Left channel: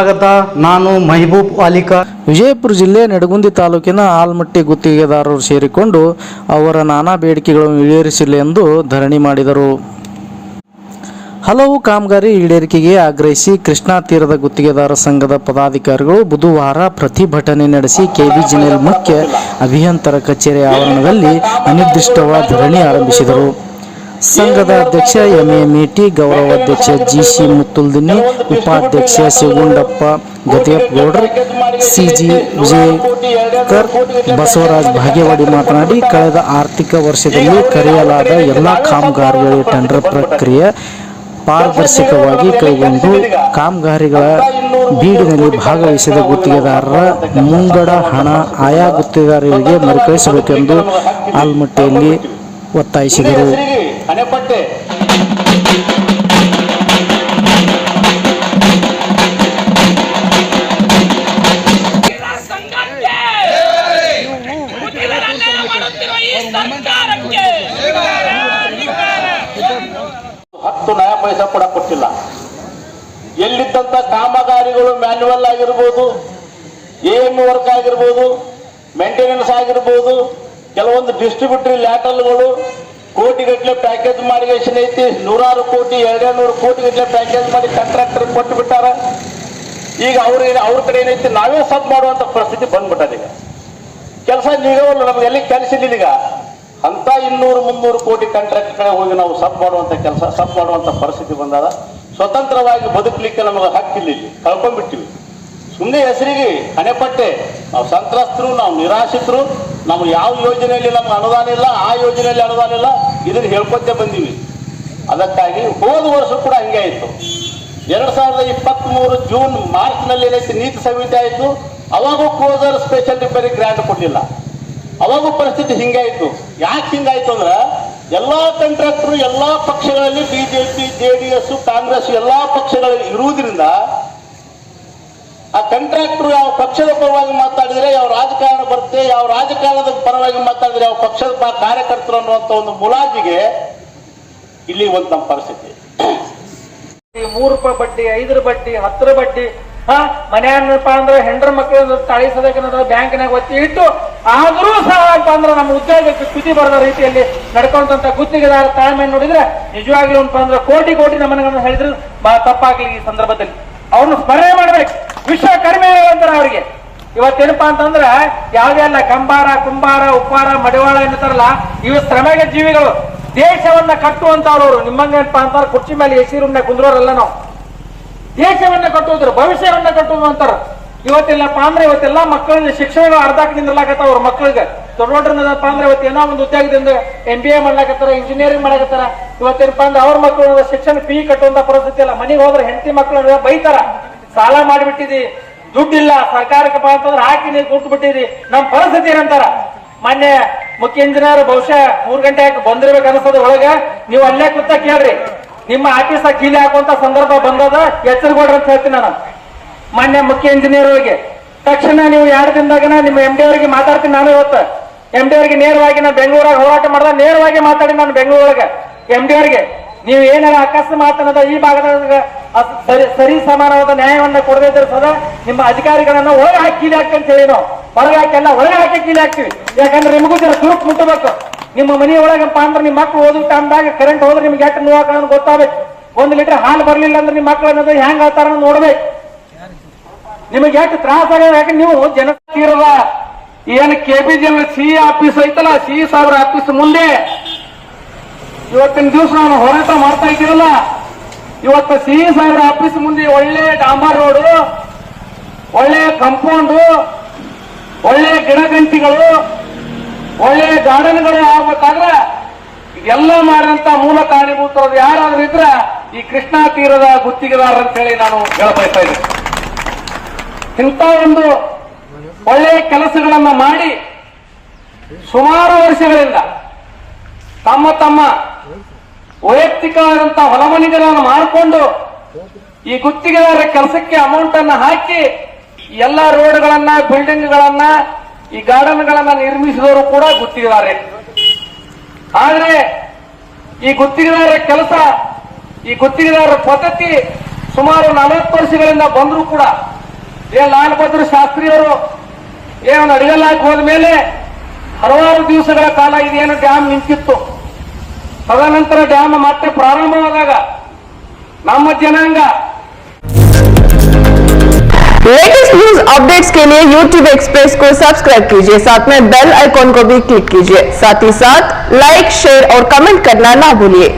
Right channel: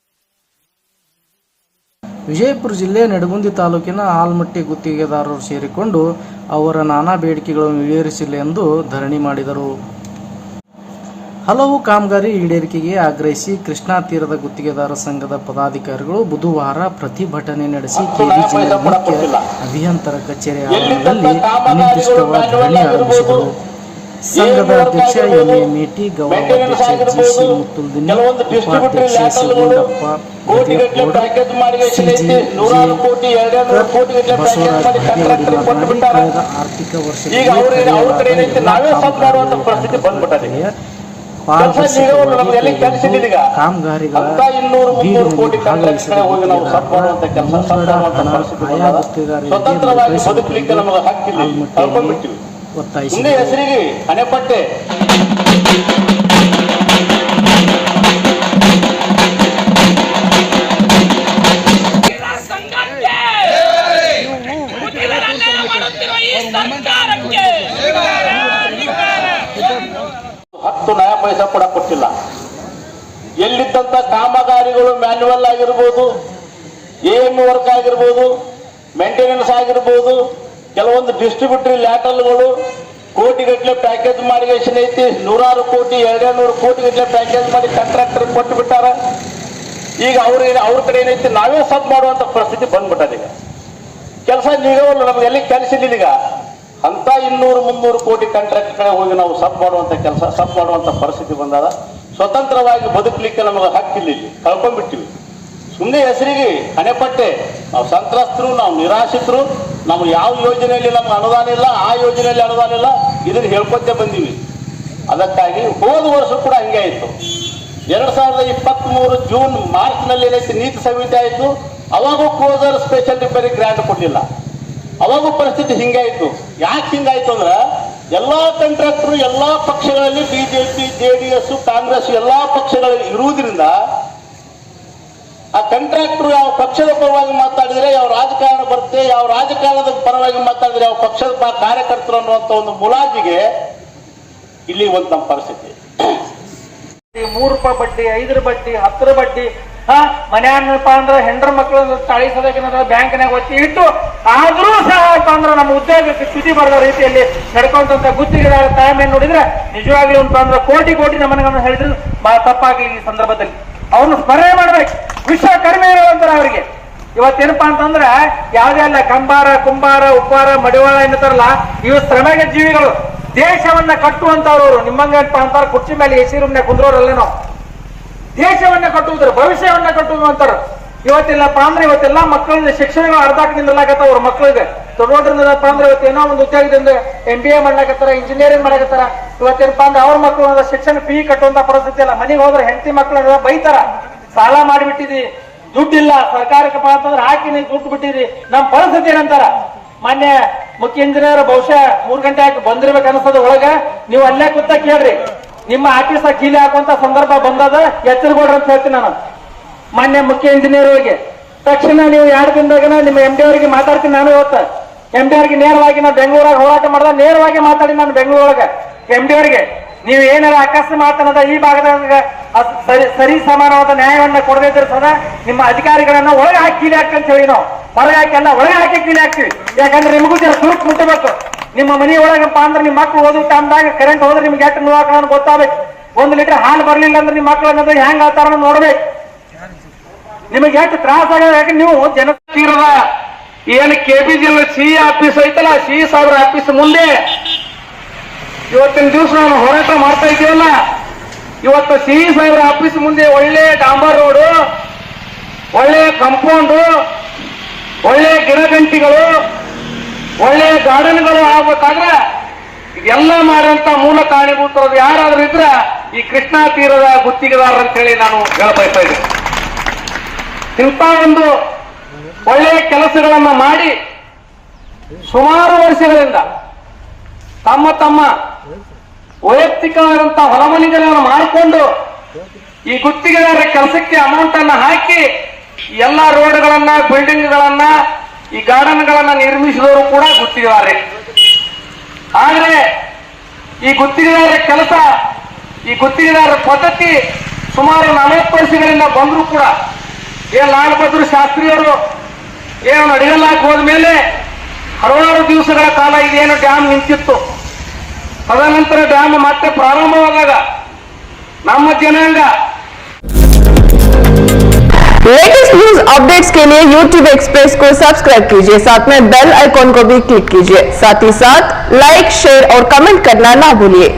ಸ್ವಾಗತ. ನಾನು ಮಹಬೂಬ್ ಅಲಿಕಾ ವಿಜಯಪುರ ಜಿಲ್ಲೆ ನಡಗುಂದಿ ತಾಲೂಕಿನ ಆಲ್ಮಟ್ಟಿ ಗುತ್ತಿಗೆದಾರರು ಸೇರಿಕೊಂಡು ಅವರ ನಾನಾ ಬೇಡಿಕೆಗಳನ್ನು ಈಡೇರಿಸಿಲ್ಲ ಎಂದು ಧರಣಿ ಮಾಡಿದರು. ಹಲವು ಕಾಮಗಾರಿ ಈಡೇರಿಕೆಗೆ ಆಗ್ರಹಿಸಿ ಕೃಷ್ಣಾ ತೀರದ ಗುತ್ತಿಗೆದಾರ ಸಂಘದ ಪದಾಧಿಕಾರಿಗಳು ಬುಧವಾರ ಪ್ರತಿಭಟನೆ ನಡೆಸಿ ಕೆಬಿಜಿಎಲ್ ಮುಖ್ಯ ಅಭಿಯಂತರ ಕಚೇರಿ ಆವರಣದಲ್ಲಿ ಅನಿರ್ದಿಷ್ಟವಾದ ಧರಣಿ ಆರಂಭಿಸಿದರು. ಸಂಘದ ಅಧ್ಯಕ್ಷ ಎಂ ಎ ಮೇಟಿ ಗೌರವಾಧ್ಯಕ್ಷ ಜಿ ಸಿ ಮುತ್ತುಲ್ದಿನಿ, ಉಪಾಧ್ಯಕ್ಷ ಶಿವಗುಂಡಪ್ಪ ಗೌಡರ್ ಸಿಜಿ ಬಸವರಾಜ್ ಭಾಗೇವಾಡಿ ಮಾತನಾಡಿ, ಕಳೆದ ಆರ್ಥಿಕ ವರ್ಷದಲ್ಲಿ ಕರೆಯಲಾದ ಎಲ್ಲ ಕಾಮಗಾರಿಗಳು ಟೆಂಡರ್ ಪ್ರಕ್ರಿಯೆ ಪಾರದರ್ಶಕವಾಗಿ ಕೈಗೊಂಡು ಕಾಮಗಾರಿಗಳ ಬೀಡಿನಲ್ಲಿ ಭಾಗವಹಿಸಿದ ಗುತ್ತಿಗೆದಾರರ ಮುಂಗಡ ಹಣ ಆಯಾ ಗುತ್ತಿಗೆದಾರರಿಗೆ ಮರುಕಳಿಸಬೇಕೆಂದು ಆಲ್ಮಟ್ಟಿಯಲ್ಲಿ ಒತ್ತಾಯಿಸಿದರು. ಹಣೆಪಟ್ಟೆ ಹತ್ತು ನಯ ಪೈಸಾ ಕೂಡ ಕೊಟ್ಟಿಲ್ಲ. ಎಲ್ಲಿದ್ದಂತ ಕಾಮಗಾರಿಗಳು ಮ್ಯಾನ್ಯುವಲ್ ಆಗಿರ್ಬೋದು ಎಂ ವರ್ಕ್ ಆಗಿರ್ಬೋದು ಮೇಂಟೆನೆನ್ಸ್ ಆಗಿರ್ಬೋದು, ಕೆಲವೊಂದು ಡಿಸ್ಟ್ರಿಬ್ಯೂಟರಿ ಲ್ಯಾಟಲ್ಗಳು ಕೋಟಿಗಟ್ಟಲೆ ಪ್ಯಾಕೇಜ್ ಮಾಡಿ ಎಷ್ಟು ಐತಿ. ನೂರಾರು ಕೋಟಿ ಎರಡೆರಡು ನೂರು ಕೋಟಿಗಟ್ಟಲೆ ಪ್ಯಾಕೇಜ್ ಮಾಡಿ ಕಾಂಟ್ರಾಕ್ಟರ್ ಕೊಟ್ಟು ಬಿಟ್ಟಾರ. ಈಗ ಅವ್ರ ಅವ್ರ ಕಡೆ ಏನೈತಿ, ನಾವೇ ಸಬ್ ಮಾಡುವಂತ ಪರಿಸ್ಥಿತಿ ಬಂದ್ಬಿಟ್ಟದ ಈಗ. ಕೆಲಸ ನೀಡೋಲ್ಲ ನಮ್ಗೆ ಎಲ್ಲಿ ಕೆಲಸ ಈಗ. ಅಂತ ಇನ್ನೂರು, ಮುನ್ನೂರು ಕೋಟಿ ಕಾಂಟ್ರಾಕ್ಟ್ ಕಡೆ ಹೋಗಿ ನಾವು ಸಬ್ ಮಾಡುವಂತ ಕೆಲಸ ಸಬ್ ಮಾಡುವಂತ ಪರಿಸ್ಥಿತಿ ಬಂದಾಗ ಸ್ವತಂತ್ರವಾಗಿ ಬದುಕಲಿಕ್ಕೆ ನಮಗೆ ಹಕ್ಕಿಲ್ಲ ಇಲ್ಲಿ ಕಳ್ಕೊಂಡ್ಬಿಟ್ಟಿವಿ. ಸುಮ್ಮನೆ ಹೆಸರಿಗೆ ಹಣೆಪಟ್ಟೆ. ನಾವು ಸಂತ್ರಸ್ತರು, ನಾವು ನಿರಾಶ್ರಿತರು. ನಾವು ಯಾವ ಯೋಜನೆಯಲ್ಲಿ ನಮ್ಗೆ ಅನುದಾನ ಇಲ್ಲ, ಆ ಯೋಜನೆಯಲ್ಲಿ ಅನುದಾನ ಇಲ್ಲ, ಇದನ್ನ ಹೇಳ್ಕೊತೇ ಬಂದೀವಿ. ಅದಕ್ಕಾಗಿ ಹೋದ ವರ್ಷ ಕೂಡ ಹಂಗೆ ಆಯಿತು. ಎರಡ್ ಸಾವಿರದ ಇಪ್ಪತ್ತ್ ಮೂರು ಜೂನ್ ಮಾರ್ಚ್ನಲ್ಲಿ ಏನೈತಿ ನೀತಿ ಸಂಹಿತೆ ಆಯಿತು. ಅವಾಗೂ ಕ್ಲೋಸರ್ ಸ್ಪೆಷಲ್ ರಿಪೇರಿ ಗ್ರ್ಯಾಂಟ್ ಕೊಡಲಿಲ್ಲ. ಅವಾಗೂ ಪರಿಸ್ಥಿತಿ ಹಿಂಗಾಯಿತು ಯಾಕೆ ಹಿಂಗಾಯ್ತು ಅಂದ್ರೆ, ಎಲ್ಲಾ ಕಾಂಟ್ರಾಕ್ಟರ್ ಎಲ್ಲಾ ಪಕ್ಷಗಳಲ್ಲಿ ಬಿಜೆಪಿ ಜೆಡಿಎಸ್ ಕಾಂಗ್ರೆಸ್ ಎಲ್ಲಾ ಪಕ್ಷಗಳಲ್ಲಿ ಇರುವುದರಿಂದ, ಆ ಕಾಂಟ್ರಾಕ್ಟರ್ ಯಾವ ಪಕ್ಷದ ಪರವಾಗಿ ಮಾತಾಡಿದ್ರೆ, ಯಾವ ರಾಜಕಾರಣ ಬರುತ್ತೆ ಯಾವ ರಾಜಕಾರಣದ ಪರವಾಗಿ ಮಾತಾಡಿದ್ರೆ ಯಾವ ಪಕ್ಷದ ಕಾರ್ಯಕರ್ತರು ಅನ್ನುವಂತ ಒಂದು ಮುಲಾಜಿಗೆ ಇಲ್ಲಿ ಒಂದು ನಮ್ಮ ಪರಿಸ್ಥಿತಿ. ಮೂರು ರೂಪಾಯಿ ಬಡ್ಡಿ, ಐದರ ಬಡ್ಡಿ, ಹತ್ತರ ಬಡ್ಡಿ, ಹಾ ಮನೆಯನ್ನಪ್ಪ ಅಂದ್ರೆ ಹೆಂಡ್ರ ಮಕ್ಕಳು ತಾಳಿ ಸದಕ್ಕೆ ಬ್ಯಾಂಕ್ನಾಗ ಒತ್ತಿ ಇಟ್ಟು ಆದ್ರೂ ಸಹ ಅಂತ ಅಂದ್ರೆ ನಮ್ಮ ಉದ್ಯೋಗಕ್ಕೆ ಸ್ಥಿತಿ ಬರದ ರೀತಿಯಲ್ಲಿ ನಡ್ಕೊಂತ ಗುತ್ತಿಗೆದಾರ ತಾಳ್ಮೆ ನೋಡಿದ್ರೆ ನಿಜವಾಗ್ಲೂ ಅಂತ ಅಂದ್ರೆ ಕೋಟಿ ಕೋಟಿ ನಮ್ಮನ್ನ ಹೇಳಿದ್ರು ತಪ್ಪಾಗಿ ಈ ಸಂದರ್ಭದಲ್ಲಿ. ಅವ್ರನ್ನ ಸ್ಮರಣೆ ಮಾಡ್ಬೇಕು. ಕಡಿಮೆ ಅಂತಾರ ಅವರಿಗೆ. ಇವತ್ತೇನಪ್ಪಾ ಅಂತಂದ್ರ ಯಾವ್ದೆಲ್ಲ ಕಂಬಾರ, ಕುಂಬಾರ, ಉಪ್ಪಾರ, ಮಡಿವಾಳ ಏನಂತಾರಲ್ಲ, ಇವು ಶ್ರಮಗ ಜೀವಿಗಳು. ದೇಶವನ್ನ ಕಟ್ಟುವಂತವ್ರು ನಿಮ್ಮಂಗ ಅಂತಾರ, ಕುರ್ಚಿ ಮೇಲೆ ಎಸಿ ರೂಮ್ನೆ ಕುಂದ್ರೋರಲ್ಲ ನಾವು. ದೇಶವನ್ನ ಕಟ್ಟುವುದ್ರ ಭವಿಷ್ಯವನ್ನ ಕಟ್ಟುವಂತಾರ ಇವತ್ತಿಲ್ಲಪ್ಪ ಅಂದ್ರೆ ಇವತ್ತೆಲ್ಲಾ ಮಕ್ಕಳಿಂದ ಶಿಕ್ಷಣಗಳ ನಿಲ್ಲಕತ್ತ ಅವ್ರ ಮಕ್ಕಳಿಗೆ. ತೊಗೊಂಡ್ರಪ್ಪ ಅಂದ್ರೆ ಇವತ್ತು ಏನೋ ಒಂದು ಉದ್ಯೋಗದಿಂದ ಎಂ ಬಿ ಎ ಮಾಡ್ಲಾಕತ್ತಾರ. ಇಂಜಿನಿಯರಿಂಗ್ ಮಾಡಕತ್ತಾರ ಇವತ್ತೇನಪ್ಪ ಅಂದ್ರೆ ಅವ್ರ ಮಕ್ಕಳು ಶಿಕ್ಷಣ ಫೀ ಕಟ್ಟುವಂತ ಪರಿಸ್ಥಿತಿ ಇಲ್ಲ ಮನೆಗೆ ಹೋದ್ರೆ ಹೆಂಡತಿ ಮಕ್ಕಳು ಬೈತಾರ. ಸಾಲ ಮಾಡಿಬಿಟ್ಟಿದಿ. ದುಡ್ಡಿಲ್ಲ, ಸರ್ಕಾರಕ್ಕೆ ಅಂತಂದ್ರೆ ಹಾಕಿ ನೀವು ದುಡ್ಡು ಬಿಟ್ಟಿರಿ ನಮ್ ಪರಿಸ್ಥಿತಿ ಏನಂತಾರ? ಮೊನ್ನೆ ಮುಖ್ಯ ಇಂಜಿನಿಯರ್ ಬಹುಶಃ ಮೂರ್ ಗಂಟೆ ಹಾಕಿ ಬಂದಿರ್ಬೇಕು ಅನಿಸ್ತದ ಒಳಗ. ನೀವು ಅಲ್ಲೇ ಕೂತ ಕೇಳ್ರಿ. ನಿಮ್ಮ ಆಫೀಸ್ ಕೀಲಿ ಹಾಕುವಂತ ಸಂದರ್ಭ ಬಂದದ ಎಚ್ಚರಗೊಡ್ರಿ ಅಂತ ಹೇಳ್ತೀನಿ ನಾನು. ಮಾನ್ಯ ಮುಖ್ಯ ಇಂಜಿನಿಯರ್ ಹೋಗಿ ತಕ್ಷಣ ನೀವು ಎರಡು ದಿನದಾಗನ ನಿಮ್ಮ ಎಂ ಡಿ ಅವರಿಗೆ ಮಾತಾಡ್ತೀನಿ ನಾನು ಇವತ್ತು. ಎಂ ಡಿ ಅವರಿಗೆ ನೇರವಾಗಿ ನಾನು ಬೆಂಗಳೂರಾಗ ಹೋರಾಟ ಮಾಡಿದ, ನೇರವಾಗಿ ಮಾತಾಡಿ ನಾನು ಬೆಂಗಳೂರೊಳಗೆ. ಎಂ ಡಿ ಅವರಿಗೆ ನೀವು ಏನಾರ ಅಕಸ್ಮಾತ್ ಈ ಭಾಗದಾಗ ಸರಿ ಸಮಾನವಾದ ನ್ಯಾಯವನ್ನ ಕೊಡದೇ ಇದ್ರೆ ಸದಾ ನಿಮ್ಮ ಅಧಿಕಾರಿಗಳನ್ನ ಒಳಗೆ ಹಾಕಿ ಕೀಲಿ ಹಾಕಂತ ಹೇಳಿ ನಾವು. ಹೊರಗೆ ಹಾಕಲ್ಲ ಒಳಗೆ ಹಾಕಿ ಕೀಲಿ ಹಾಕ್ತೀವಿ. ಯಾಕಂದ್ರೆ ನಿಮಗೂ ಜನ ಸುರುಕ್ ಮುಟ್ಟಬೇಕು ನಿಮ್ಮ ಮನೆ ಒಳಗಪ್ಪ ಅಂದ್ರೆ ನಿಮ್ಮ ಮಕ್ಳು ಓದೋ ಟೈಮ್ದಾಗ ಕರೆಂಟ್ ಹೋದ್ರೆ ನಿಮ್ಗೆ ಎಷ್ಟು ನೋವಾಕ ಗೊತ್ತಾಗಬೇಕು. ಒಂದು ಲೀಟರ್ ಹಾಲು ಬರಲಿಲ್ಲ ಅಂದ್ರೆ ನಿಮ್ಮ ಮಕ್ಳು ಅನ್ನೋದು ಹೆಂಗ್ ಆಗ್ತಾರ ನೋಡ್ಬೇಕು. ನಿಮಗೆ ಎಷ್ಟು ತ್ರಾಸ ಆಗೋದು? ಯಾಕೆ ನೀವು ಜನ ಏನು ಬಿ ಸಿ ಆಫೀಸ್ ಐತಲ್ಲ ಸಿ ಸಾವಿರ ಆಫೀಸ್ ಮುಂದೆ ಇವತ್ತಿನ ದಿವಸ ನಾವು ಹೋರಾಟ ಮಾಡ್ತಾ ಇದ್ದೀವಲ್ಲ ಇವತ್ತು ಸಿ ಸಾವಿರ ಆಫೀಸ್ ಮುಂದೆ ಒಳ್ಳೆ ಡಾಂಬರ್ ರೋಡು, ಒಳ್ಳೆ ಕಂಪೌಂಡು ಒಳ್ಳೆ ಗಿಡಗಂಟಿಗಳು, ಒಳ್ಳೆ ಗಾರ್ಡನ್ಗಳು ಆಗ್ಬೇಕಾದ್ರೆ ಎಲ್ಲ ಮಾಡುವಂತ ಮೂಲ ಕಾರಣೀಭೂತರದ್ದು ಯಾರಾದ್ರೂ ಇದ್ರೆ ಈ ಕೃಷ್ಣಾ ತೀರದ ಗುತ್ತಿಗೆದಾರ ಅಂತ ಹೇಳಿ ನಾನು ಹೇಳಬಯಸ್ತಾ ಇದ್ದೀನಿ. ಇಂಥ ಒಂದು ಒಳ್ಳೆಯ ಕೆಲಸಗಳನ್ನ ಮಾಡಿ ಸುಮಾರು ವರ್ಷಗಳಿಂದ ತಮ್ಮ ತಮ್ಮ ವೈಯಕ್ತಿಕವಾದಂತಹ ಹೊಲಮನಿಗಳನ್ನು ಮಾಡಿಕೊಂಡು ಈ ಗುತ್ತಿಗೆದಾರರ ಕೆಲಸಕ್ಕೆ ಅಮೌಂಟ್ ಅನ್ನ ಹಾಕಿ ಎಲ್ಲಾ ರೋಡ್ಗಳನ್ನ ಬಿಲ್ಡಿಂಗ್ಗಳನ್ನ ಈ ಗಾರ್ಡನ್ ಗಳನ್ನ ನಿರ್ಮಿಸಿದವರು ಕೂಡ ಗುತ್ತಿಗೆದಾರರೇ. ಆದ್ರೆ ಈ ಗುತ್ತಿಗೆದಾರರ ಕೆಲಸ, ಈ ಗುತ್ತಿಗೆದಾರರ ಪದ್ಧತಿ ಸುಮಾರು ನಲವತ್ತು ವರ್ಷಗಳಿಂದ ಬಂದರೂ ಕೂಡ. ಏನ್ ಲಾಲ್ ಬಹದ್ದೂರ್ ಶಾಸ್ತ್ರಿಯವರು ಏನು ಅಡಿಗಲ್ಲಾಕ್ ಹೋದ್ಮೇಲೆ ಹಲವಾರು ದಿವಸಗಳ ಕಾಲ ಇದೇನು ಡ್ಯಾಮ್ ನಿಂತಿತ್ತು ತದನಂತರ ಡ್ಯಾಮ್ ಮತ್ತೆ ಪ್ರಾರಂಭವಾದಾಗ ನಮ್ಮ ಜನಾಂಗ लेटेस्ट न्यूज अपडेट्स के लिए YouTube एक्सप्रेस को सब्सक्राइब कीजिए साथ में बेल आइकॉन को भी क्लिक कीजिए साथ ही साथ लाइक शेयर और कमेंट करना ना भूलिए